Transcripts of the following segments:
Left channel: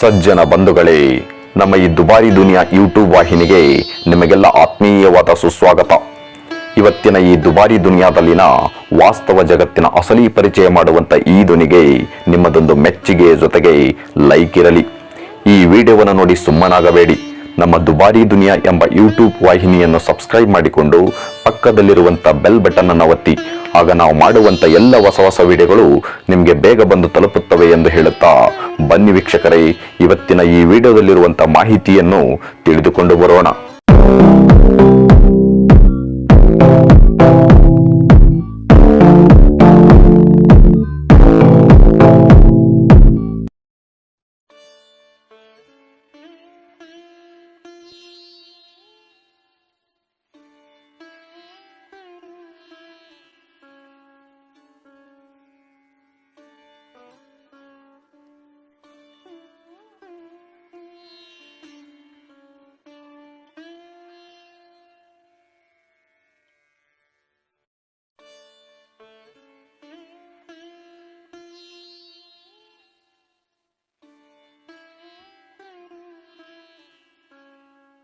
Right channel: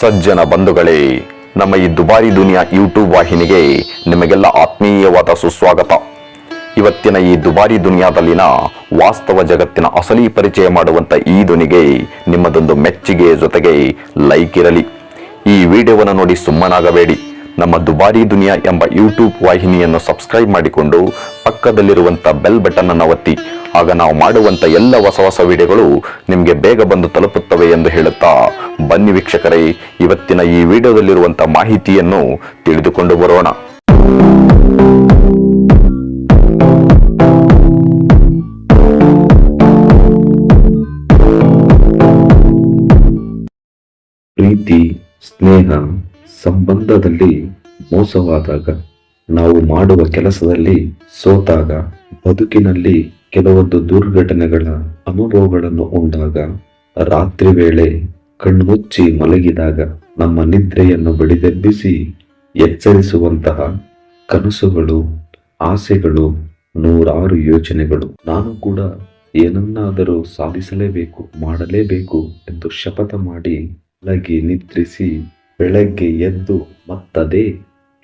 ಸಜ್ಜನ ಬಂಧುಗಳೇ, ನಮ್ಮ ಈ ದುಬಾರಿ ದುನಿಯಾ ಯೂಟ್ಯೂಬ್ ವಾಹಿನಿಗೆ ನಿಮಗೆಲ್ಲ ಆತ್ಮೀಯವಾದ ಸುಸ್ವಾಗತ. ಇವತ್ತಿನ ಈ ದುಬಾರಿ ದುನಿಯಾದಲ್ಲಿನ ವಾಸ್ತವ ಜಗತ್ತಿನ ಅಸಲಿ ಪರಿಚಯ ಮಾಡುವಂತ ಈ ದುನಿಗೆ ನಿಮ್ಮದೊಂದು ಮೆಚ್ಚುಗೆ ಜೊತೆಗೆ ಲೈಕ್ ಇರಲಿ. ಈ ವಿಡಿಯೋವನ್ನು ನೋಡಿ ಸುಮ್ಮನಾಗಬೇಡಿ. ನಮ್ಮ ದುಬಾರಿ ದುನಿಯಾ ಎಂಬ ಯೂಟ್ಯೂಬ್ ವಾಹಿನಿಯನ್ನು ಸಬ್ಸ್ಕ್ರೈಬ್ ಮಾಡಿಕೊಂಡು ಪಕ್ಕದಲ್ಲಿರುವಂತ ಬೆಲ್ ಬಟನ್ ಅನ್ನು ಒತ್ತಿ. ಆಗ ನಾವು ಮಾಡುವಂತ ಎಲ್ಲ ಹೊಸ ಹೊಸ ವಿಡಿಯೋಗಳು ನಿಮಗೆ ಬೇಗ ಬಂದು ತಲುಪುತ್ತವೆ ಎಂದು ಹೇಳುತ್ತಾ ಬನ್ನಿ ವೀಕ್ಷಕರೇ, ಇವತ್ತಿನ ಈ ವಿಡಿಯೋದಲ್ಲಿರುವಂತಹ ಮಾಹಿತಿಯನ್ನು ತಿಳಿದುಕೊಂಡು ಬರೋಣ. ಪ್ರೀತಿ, ಸ್ನೇಹ, ಸಂಬಂಧದಲ್ಲಿ ಮೋಸವಾದಾಗ, ನಾವು ಮಾಡುವ ಕೆಲಸದಲ್ಲಿ ಸೋತಾಗ, ಬದುಕಿನಲ್ಲಿ ಕೆಲವೊಂದು ದುರ್ಘಟನೆಗಳ ಅನುಭವಗಳನ್ನು ಉಂಟಾಗ ರಾತ್ರಿ ವೇಳೆ ಕಣ್ಮುಚ್ಚಿ ಮಲಗಿದಾಗ ನಮ್ಮ ನಿದ್ರೆಯನ್ನು ಬಡಿದೆಬ್ಬಿಸಿ ಎಚ್ಚರಿಸುವಂತಹ ಕನಸುಗಳು, ಆಸೆಗಳು, ನೂರಾರು ಯೋಚನೆಗಳು. ನಾನು ಕೂಡ ಏನನ್ನಾದರೂ ಸಾಧಿಸಲೇಬೇಕು, ಮಾಡಲೇಬೇಕು ಎಂದು ಶಪಥ ಮಾಡಿ ಮಲಗಿ ನಿದ್ರಿಸಿ ಬೆಳಗ್ಗೆ ಎದ್ದು ಮತ್ತದೇ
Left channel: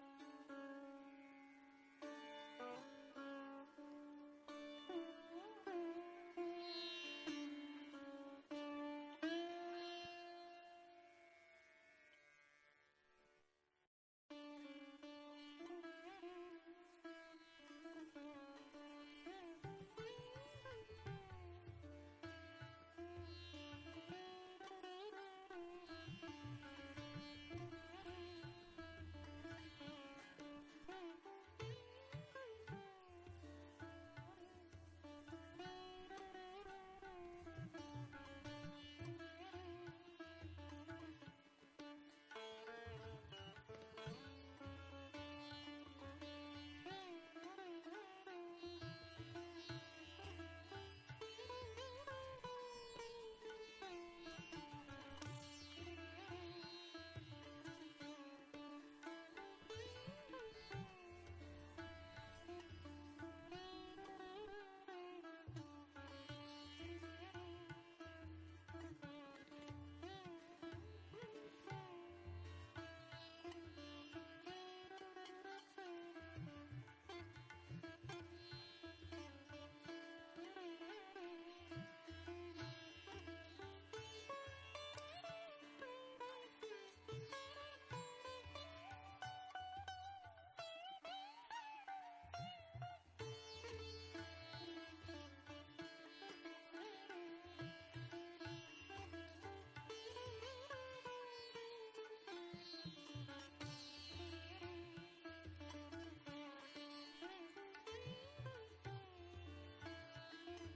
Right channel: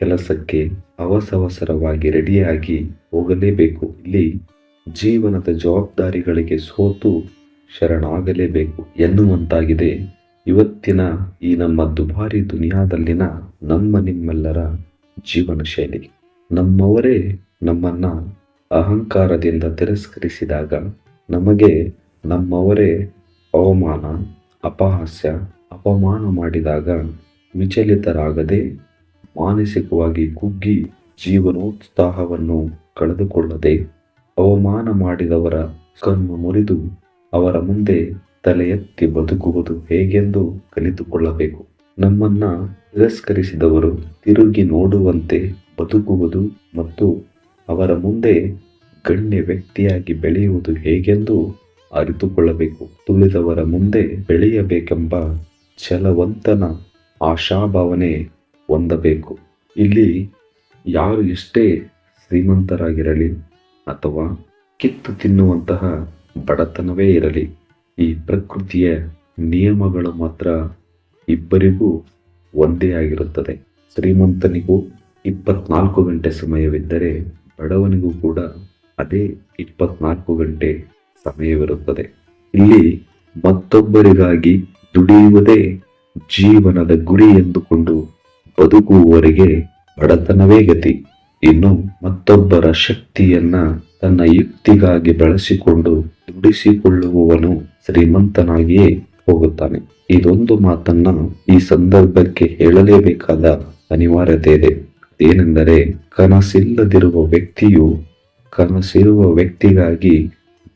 ಕೆಲಸಕ್ಕೆ ಅವಸವಸರವಾಗಿ ರೆಡಿಯಾಗಿ ಹೋಗಲೇಬೇಕು. ಇಲ್ಲಿ ಜೀವನದ ಜವಾಬ್ದಾರಿಗಳಿಗೆ ಸೋತು ಶರಣಾಗಲೇಬೇಕು ಎನ್ನುವಂತಾಗಿದೆ. ಇವತ್ತಿನ ಈ ನಮ್ಮ ದುಬಾರಿ ದುನಿಯಾದಲ್ಲಿನ ನಮ್ಮ ನಿಮ್ಮೆಲ್ಲರ ಜೀವನ ಶೈಲಿ. ನಮ್ಮವರೇ ನಮ್ಮನ್ನ ಅಹಂಕಾರದಿಂದ ತಿರಸ್ಕರಿಸಿದಾಗ ನಮಗೆ ನಮ್ಮವರೇ ಅವಮಾನ, ಅಪಹಾಸ್ಯ, ಅಪಮಾನ ಮಾಡಿದಾಗ ವಿಚಲಿತರಾಗದೆ ಮಾನಸಿಕವಾಗಿ ಕುಗ್ಗಿ ಜೀವನೋತ್ಸಾಹವನ್ನು ಕಳೆದುಕೊಳ್ಳದೆ ಅವಮಾನ ಮಾಡಿದವರ ಕಣ್ಣು ಮುರಿದು ಅವರ ಮುಂದೆ ತಲೆ ಎತ್ತಿ ಬದುಕುವುದು ಹೇಗೆಂದು ಕಲಿತುಕೊಳ್ಳಬೇಕು. ನಮ್ಮನ್ನ ತಿರಸ್ಕರಿಸಿದವರು ತಿರುಗಿ ನೋಡುವಂತೆ ಬದುಕುವುದು ಮತ್ತು ಅವರ ಮುಂದೆ ಗಣ್ಯ ವ್ಯಕ್ತಿಯಾಗಿ ಬೆಳೆಯುವುದು ಹೇಗೆಂದು ಅರಿತುಕೊಳ್ಳಬೇಕು. ತುಳಿದವರ ಮುಂದೆ ಬೆಳೆಯಬೇಕೆಂಬ ಛಲವಂತನ ಆಶಾಭಾವನೆ ಹೊಂದಬೇಕು. ಇಲ್ಲಿ ಯಾರು ಎಷ್ಟೇ ಶ್ರೀಮಂತರಾಗಿರಲಿ ಅಥವಾ ಕಿತ್ತು ತಿನ್ನುವಂತಹ ಬಡತನವೇ ಇರಲಿ ಈ ಪ್ರಕೃತಿಯ ನಿಯಮಗಳು ಮಾತ್ರ ಇಬ್ಬರಿಗೂ ಒಂದೇ ಆಗಿರುತ್ತದೆ. ಶ್ರೀಮಂತನಿಗೂ ಇಪ್ಪತ್ನಾಲ್ಕು ಗಂಟೆ ಸಮಯವಿದ್ದರೆ ಬಡವನಿಗೂ ಕೂಡ ಅದೇ ಇಪ್ಪತ್ನಾಲ್ಕು ಗಂಟೆ ಸಮಯವಿರುತ್ತದೆ. ಇಲ್ಲಿ ಮತ್ತೊಬ್ಬರಿಗಾಗಿ ದುಡಿಯುವುದೇ ಜೀವನದ ಗುರಿ ಎಂದುಕೊಂಡು ಬದುಕುವವರಿಗೆ ಬಡತನವೇ ಗತಿ. ಇನ್ನು ಮತ್ತೊಬ್ಬರ ಶಕ್ತಿಯನ್ನ ತನ್ನ ಯುಕ್ತಿಗಾಗಿ ಬಳಸಿಕೊಂಡು ದುಡಿಸಿಕೊಳ್ಳುವವನು ಶ್ರೀಮಂತನಾಗಿಯೇ ಹೋಗುತ್ತಾನೆ. ಇದೊಂದು ಮಾತನ್ನ ಈ ಸಂದರ್ಭಕ್ಕೆ ಹೇಳಲೇಬೇಕಾದ ಅನಿವಾರ್ಯತೆ ಇದೆ ಏನೆಂದರೆ ಕನಸಿಲ್ಲದಿರುವ ವ್ಯಕ್ತಿಯು ಕನಸಿರುವ ವ್ಯಕ್ತಿಗಾಗಿ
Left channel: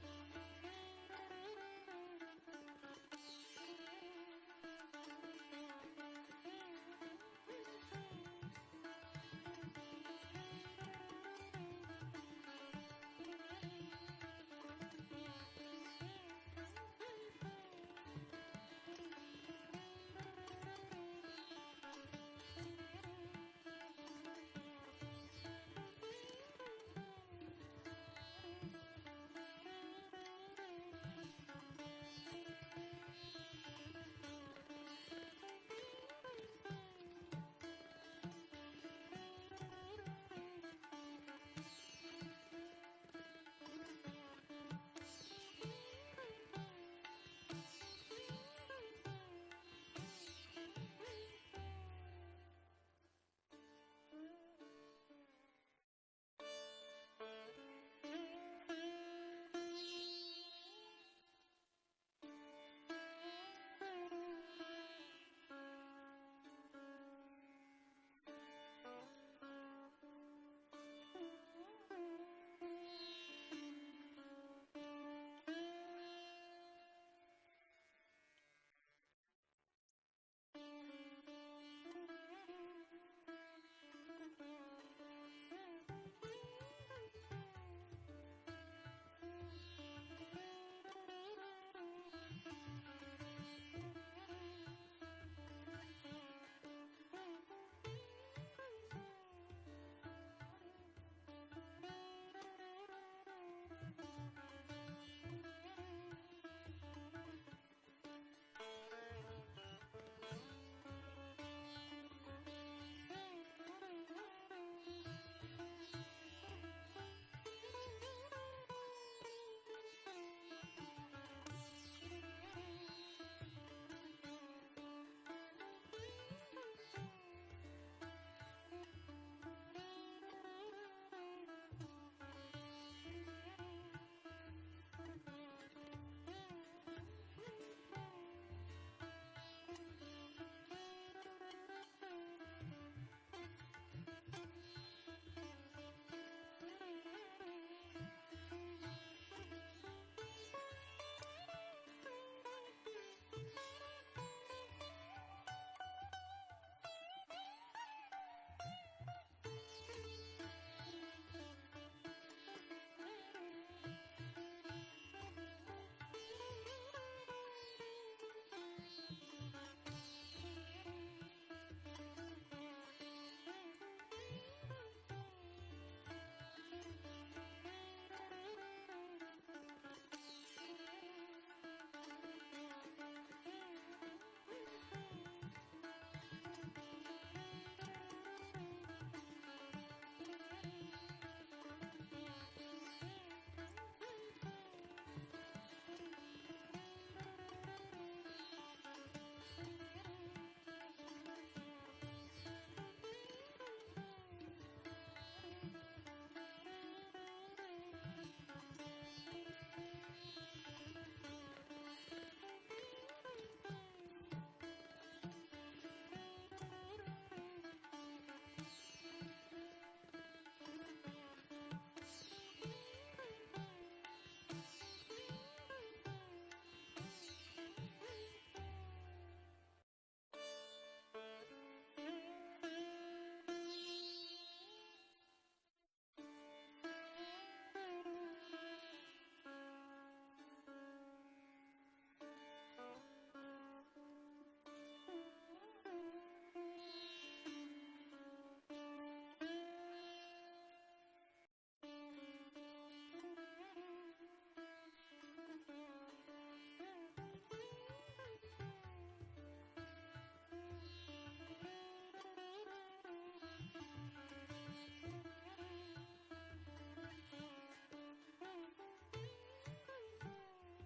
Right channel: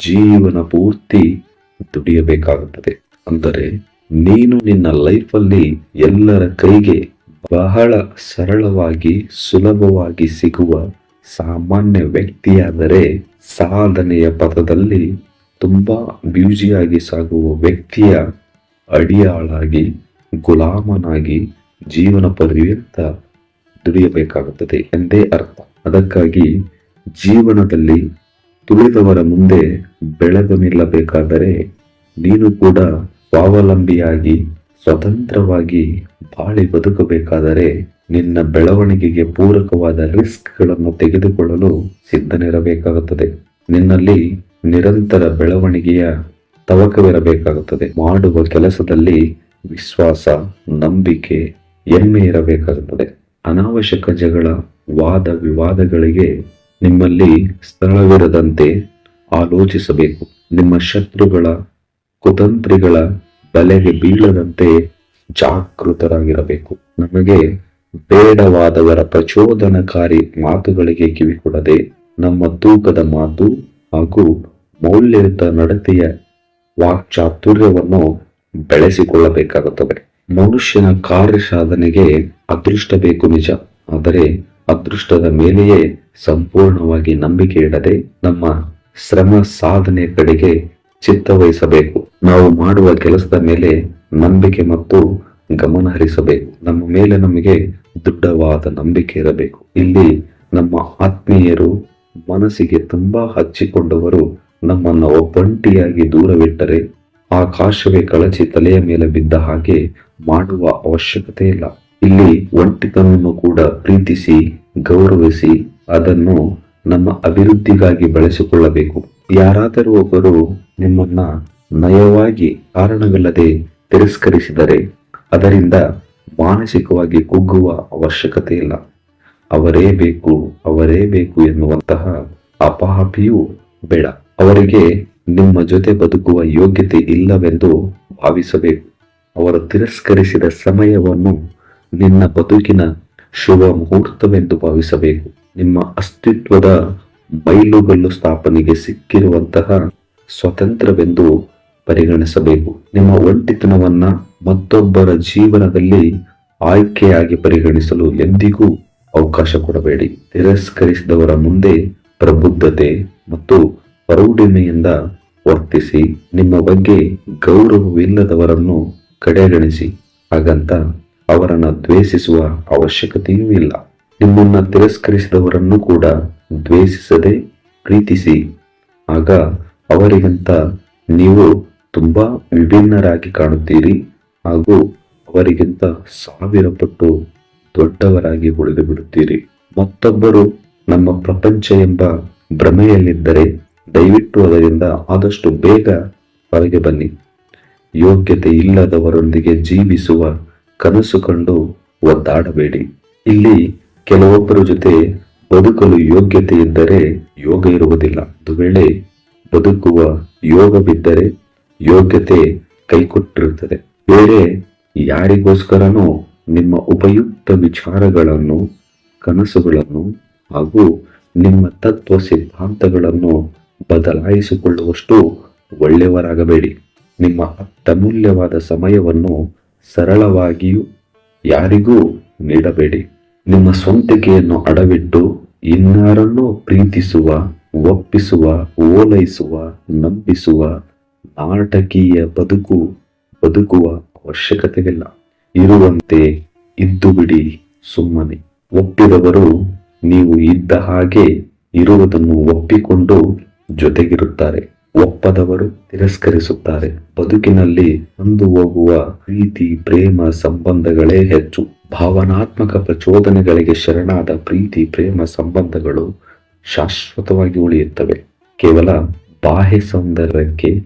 ಜೀವನ ಪೂರ್ತಿ ದುಡಿಯಬೇಕಾಗುತ್ತದೆ. ಅಂದರೆ, ನೀನು ನಿನ್ನ ಲೈಫಲ್ಲಿ ಎಲ್ಲರ ಕೈಗೆ ಬಹಳ ಸರಳವಾಗಿ, ಸುಲಭವಾಗಿ ಸಿಗುವ ಸಾಮಾನ್ಯ ವ್ಯಕ್ತಿಯಾದರೆ ಸಾಧನೆಯ ಪಥದಲ್ಲಿ ತುಂಬಾ ಬ್ಯೂಜಿಯಾಗಿ ಸಾಗುವ ವ್ಯಕ್ತಿಯ ಅಡಿಯಾಳಾಗಿ, ಗುಲಾಮನಾಗಿ ಜೀವನ ಪರ್ಯಂತ ದುಡಿಯಬೇಕಾಗುತ್ತದೆ ಎಂದೇ ಅರ್ಥ. ಅದಕ್ಕಾಗಿ ಜೀವನದಲ್ಲಿ ತುಳಿದವರ ಮುಂದೆ ಬೆಳೆದು ನಿಲ್ಲಬೇಕಾದರೆ ನೀನು ಕೂಡ ಸ್ವಾವಲಂಬಿಯಾಗಿ ಸ್ವತಂತ್ರವಾಗಿ ಬಾಳಿ ಬದುಕಬೇಕಾದರೆ ನಿನ್ನ ಬೆಳವಣಿಗೆಗೆ ಪೂರಕವಾದ ರಿಸ್ಕ್ಗಳನ್ನು ತೆಗೆದುಕೊಳ್ಳಲು ಸಿದ್ಧನಿರಬೇಕಾಗುತ್ತದೆ. ನಿನ್ನಲ್ಲಿ ನಿರಂತರ ಬೆಳವಣಿಗೆಯ ತವಕವಿರಬೇಕಾಗುತ್ತದೆ. ಮಾಡುವ ಕೆಲಸದಲ್ಲಿ ವಿಶ್ವಾಸ, ನಂಬಿಕೆ, ಹೆಮ್ಮೆ ಇರಬೇಕಾಗುತ್ತದೆ. ಅನಾವಶ್ಯಕ ಜಗಳ, ವಾದ ವಿವಾದಗಳಿಗೆ ನಿಮ್ಮಲ್ಲಿ ಸ್ಥಳವಿರದಂತೆ ಆಲೋಚಿಸಬೇಕು. ನಿಮ್ಮ ಶತ್ರುಗಳ ಕುತಂತ್ರಿಗಳ ಬಲೆಗೆ ಬೀಳದಂತೆ ಜಾಗೃತರಾಗಿರಬೇಕು. ನಮಗೆ ಬೇಡವಾದವರ ಪ್ರಚೋದನಕಾರಿ ಮಾತುಗಳಿಗೆ ಕಿವಿಕೊಡದೆ ನಮ್ಮ ತೂಕದ ಮಾತು ಹಾಗೂ ಮೌಲ್ಯಯುತ ನಡತೆಯ ವಾಕ್ಚಾತುರ್ಯವನ್ನು ಬೆಳೆಸಿಕೊಳ್ಳಬೇಕಾಗುತ್ತದೆ. ಮನುಷ್ಯನ ಕಾರ್ಯ ಸಾಧನೆಗೆ ಅದೃಷ್ಟ ಬೇಕು ನಿಜ. ಆದರೆ ಅದೃಷ್ಟದ ಮೇಲೆಯೇ ಸಂಪೂರ್ಣವಾಗಿ ನಂಬಿಕೆ ಇಡದೆ ನಮ್ಮ ಶ್ರಮ ಸಾಧನೆ ಕಡೆಗೆ ಚಿತ್ತವಹಿಸಬೇಕು. ನಾವು ಮಾಡುವ ಕೆಲಸದ ಮೇಲೆ ನಂಬಿಕೆ ಮತ್ತು ಗಮನ ಹರಿಸಬೇಕು. ನಮ್ಮ ಮೇಲೆ ನಮಗೆ ದೃಢವಾದ ನಂಬಿಕೆ ಇರಬೇಕು. ಇಲ್ಲಿ ನಮ್ಮ ಆತ್ಮೀಯರು ಮನಸ್ಸಿಗೆ ತುಂಬಾ ಹಚ್ಚಿಕೊಂಡವರು ನಮ್ಮನ್ನು ಒಬ್ಬಂಟಿಯಾಗಿ ದೂರವಿಟ್ಟರೆ ಆಕಾಶವೇ ಕಳಚಿ ತಲೆಯ ಮೇಲೆ ಬಿದ್ದ ಹಾಗೆ ಮಾಡುವ ಅವಶ್ಯಕತೆ ಇಲ್ಲ. ಇಲ್ಲಿ ಒಂಟಿತನವನ್ನು ಕೂಡ ಪ್ರೀತಿಸಿ ಗೌರವಿಸಿ ಅದನ್ನು ನಮ್ಮ ಅಭಿವೃದ್ಧಿಗಾಗಿ ಬಳಸಿಕೊಳ್ಳಬೇಕು. ಯಾರಾದರೂ ಒಬ್ಬರು ನಿಮ್ಮನ್ನ ನಯವಾಗಿ ಕಾರಣವಿಲ್ಲದೆ ತಿರಸ್ಕರಿಸಿದರೆ ಅದರಿಂದ ಮಾನಸಿಕವಾಗಿ ಕುಗ್ಗುವ ಅವಶ್ಯಕತೆ ಇಲ್ಲ ಅವರೇ ಬೇಕು ಅವರೇ ಬೇಕು ಎನ್ನುವಂತಹ ಅಪಹಾಪಿಯೂ ಬೇಡ. ಅವರಿಗೆ ನಿಮ್ಮ ಜೊತೆ ಬದುಕುವ ಯೋಗ್ಯತೆ ಇಲ್ಲವೆಂದು ಭಾವಿಸಬೇಕು. ಅವರು ತಿರಸ್ಕರಿಸಿದ ಸಮಯವನ್ನು ನಿನ್ನ ಬದುಕಿನ ಶುಭ ಮುಹೂರ್ತವೆಂದು ಭಾವಿಸಬೇಕು. ನಿಮ್ಮ ಅಸ್ತಿತ್ವದ ಬೈಲುಗಲ್ಲು ಸ್ಥಾಪನೆಗೆ ಸಿಕ್ಕಿರುವಂತಹ ಸ್ವತಂತ್ರವೆಂದು ಪರಿಗಣಿಸಬೇಕು. ನಿಮ್ಮ ಒಂಟಿತನವನ್ನ ಮತ್ತೊಬ್ಬರ ಜೀವನದಲ್ಲಿ ಆಯ್ಕೆಯಾಗಿ ಪರಿಗಣಿಸಲು ಎಂದಿಗೂ ಅವಕಾಶ ಕೊಡಬೇಡಿ. ತಿರಸ್ಕರಿಸಿದವರ ಮುಂದೆ ಪ್ರಬುದ್ಧತೆ ಮತ್ತು ಪ್ರೌಢಿಮೆಯಿಂದ ವರ್ತಿಸಿ, ನಿಮ್ಮ ಬಗ್ಗೆ ಗೌರವವಿಲ್ಲದವರನ್ನು ಕಡೆಗಣಿಸಿ. ಹಾಗಂತ ಅವರನ್ನ ದ್ವೇಷಿಸುವ ಅವಶ್ಯಕತೆಯೂ ಇಲ್ಲ. ನಿಮ್ಮನ್ನ ತಿರಸ್ಕರಿಸಿದವರನ್ನು ಕೂಡ ದ್ವೇಷಿಸದೆ ಪ್ರೀತಿಸಿ. ಆಗ ಅವರಿಗಿಂತ ನೀವು ತುಂಬ ವಿಭಿನ್ನರಾಗಿ ಕಾಣುತ್ತೀರಿ ಹಾಗೂ ಅವರಿಗಿಂತ ಸಾವಿರ ಪಟ್ಟು ದೊಡ್ಡವರಾಗಿ ಉಳಿದು ಬಿಡುತ್ತೀರಿ. ಮತ್ತೊಬ್ಬರು ನಮ್ಮ ಪ್ರಪಂಚ ಎಂಬ ಭ್ರಮೆಯಲ್ಲಿದ್ದರೆ ದಯವಿಟ್ಟು ಅದರಿಂದ ಆದಷ್ಟು ಬೇಗ ಹೊರಗೆ ಬನ್ನಿ. ಯೋಗ್ಯತೆ ಇಲ್ಲದವರೊಂದಿಗೆ ಜೀವಿಸುವ ಕನಸು ಕಂಡು ಒದ್ದಾಡಬೇಡಿ. ಇಲ್ಲಿ ಕೆಲವೊಬ್ಬರ ಜೊತೆ ಬದುಕಲು ಯೋಗ್ಯತೆ ಇದ್ದರೆ ಯೋಗ ಇರುವುದಿಲ್ಲ. ಒಂದು ವೇಳೆ ಬದುಕುವ ಯೋಗ ಬಿದ್ದರೆ ಯೋಗ್ಯತೆ ಕೈಕೊಟ್ಟಿರುತ್ತದೆ. ಬೇರೆ ಯಾರಿಗೋಸ್ಕರನೂ ನಿಮ್ಮ ಉಪಯುಕ್ತ ವಿಚಾರಗಳನ್ನು, ಕನಸುಗಳನ್ನು ಹಾಗೂ ನಿಮ್ಮ ತತ್ವ ಸಿದ್ಧಾಂತಗಳನ್ನು ಬದಲಾಯಿಸಿಕೊಳ್ಳುವಷ್ಟು ಒಳ್ಳೆಯವರಾಗಬೇಡಿ. ನಿಮ್ಮ ಅತ್ಯಮೂಲ್ಯವಾದ ಸಮಯವನ್ನು ಸರಳವಾಗಿಯೂ ಯಾರಿಗೂ ನೀಡಬೇಡಿ. ನಿಮ್ಮ ಸ್ವಂತಿಕೆಯನ್ನು ಅಡವಿಟ್ಟು ಇನ್ನಾರನ್ನೂ ಪ್ರೀತಿಸುವ, ಒಪ್ಪಿಸುವ, ಓಲೈಸುವ, ನಂಬಿಸುವ ನಾಟಕೀಯ ಬದುಕು, ಬದುಕುವ ಅವಶ್ಯಕತೆಯಿಲ್ಲ. ಇರುವಂತೆ ಇದ್ದು ಬಿಡಿ ಸುಮ್ಮನೆ. ಒಪ್ಪಿದವರು ನೀವು ಇದ್ದ ಹಾಗೆ ಇರುವುದನ್ನು ಒಪ್ಪಿಕೊಂಡು ಜೊತೆಗಿರುತ್ತಾರೆ. ಒಪ್ಪದವರು ತಿರಸ್ಕರಿಸುತ್ತಾರೆ. ಬದುಕಿನಲ್ಲಿ ಹೊಂದು ಹೋಗುವ ಪ್ರೀತಿ, ಪ್ರೇಮ, ಸಂಬಂಧಗಳೇ ಹೆಚ್ಚು. ಭಾವನಾತ್ಮಕ ಪ್ರಚೋದನೆಗಳಿಗೆ ಶರಣಾದ ಪ್ರೀತಿ, ಪ್ರೇಮ ಸಂಬಂಧಗಳು ಶಾಶ್ವತವಾಗಿ ಉಳಿಯುತ್ತವೆ. ಕೇವಲ ಬಾಹ್ಯ ಸೌಂದರ್ಯಕ್ಕೆ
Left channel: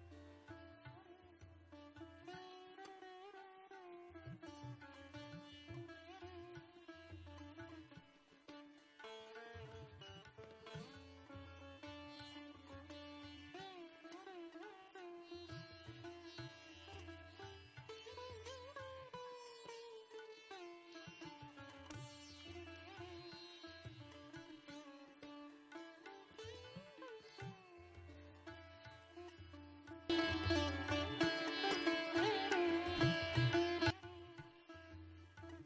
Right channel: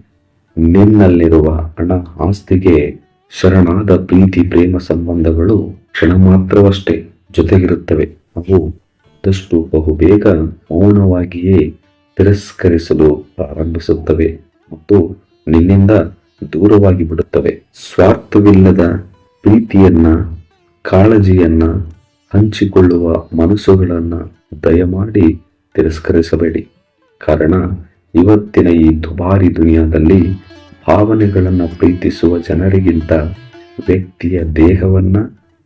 ನಿನ್ನಲ್ಲಿರುವ ಹಣ, ಆಸ್ತಿಗೆ ಶರಣಾದ ಪ್ರೀತಿ, ಪ್ರೇಮ ಸಂಬಂಧಗಳು ಕ್ಷಣ ಮಾತ್ರವಷ್ಟೇ ಜೊತೆಗಿರುತ್ತವೆ. ಅವು ಆದಷ್ಟು ಬಹುಬೇಗ ಮೌನವಾಗಿಯೇ ತಿರಸ್ಕರಿಸಲು ಪ್ರಾರಂಭಿಸುತ್ತವೆ ಮತ್ತು ನಿನ್ನಿಂದ ದೂರವಾಗಿ ಬಿಡುತ್ತವೆ. ಸ್ವಾರ್ಥವಿಲ್ಲದ ಪ್ರೀತಿಯನ್ನ ಕಾಳಜಿಯನ್ನ ಹಂಚಿಕೊಳ್ಳುವ ಮನಸ್ಸುಗಳನ್ನ ದಯಮಾಡಿ ತಿರಸ್ಕರಿಸಬೇಡಿ. ಕಾರಣ, ಇವತ್ತಿನ ಈ ದುಬಾರಿ ದುನಿಯಾದಲ್ಲಿ ಭಾವನೆಗಳನ್ನು ಪ್ರೀತಿಸುವ ಜನರಿಗಿಂತ ವ್ಯಕ್ತಿಯ ದೇಹವನ್ನ,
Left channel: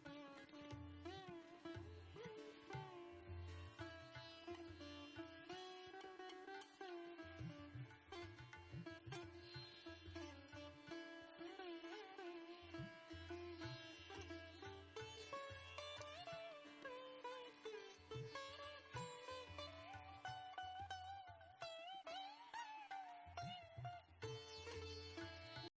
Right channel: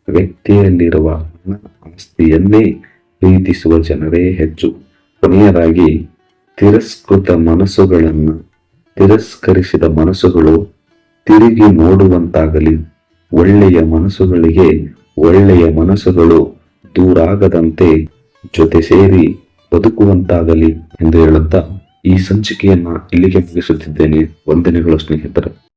ವ್ಯಕ್ತಿಯಲ್ಲಿರುವ ಆಸ್ತಿಯನ್ನೇ ಪ್ರೀತಿಸುವ ಜನರೇ ಹೆಚ್ಚು. ಕೊನೆಯದಾಗಿ, ತಿರಸ್ಕೃತ ಮನಸ್ಸುಗಳನ್ನು, ತಿರಸ್ಕರಿಸಿದ ಮನಸ್ಸುಗಳು ತಿರುಗಿ ನೋಡುವಂತಾಗಲಿ, ಒಳ್ಳೆಯ ಮನಸ್ಸುಗಳಿಗೆ ಒಳ್ಳೆಯ ಮನಸ್ಸುಗಳು ದೂರಾಗದಂತೆ ಜೊತೆ ಸೇರಿ ಬದುಕುವಂತಾಗಲಿ ಎಂದು ಹೇಳುತ್ತಾ ಈ ಸಂಚಿಕೆಯನ್ನ ಇಲ್ಲಿಗೆ ಮುಗಿಸುತ್ತಿದ್ದೇನೆ. ವಂದನೆಗಳು ಸ್ನೇಹಿತರೆ.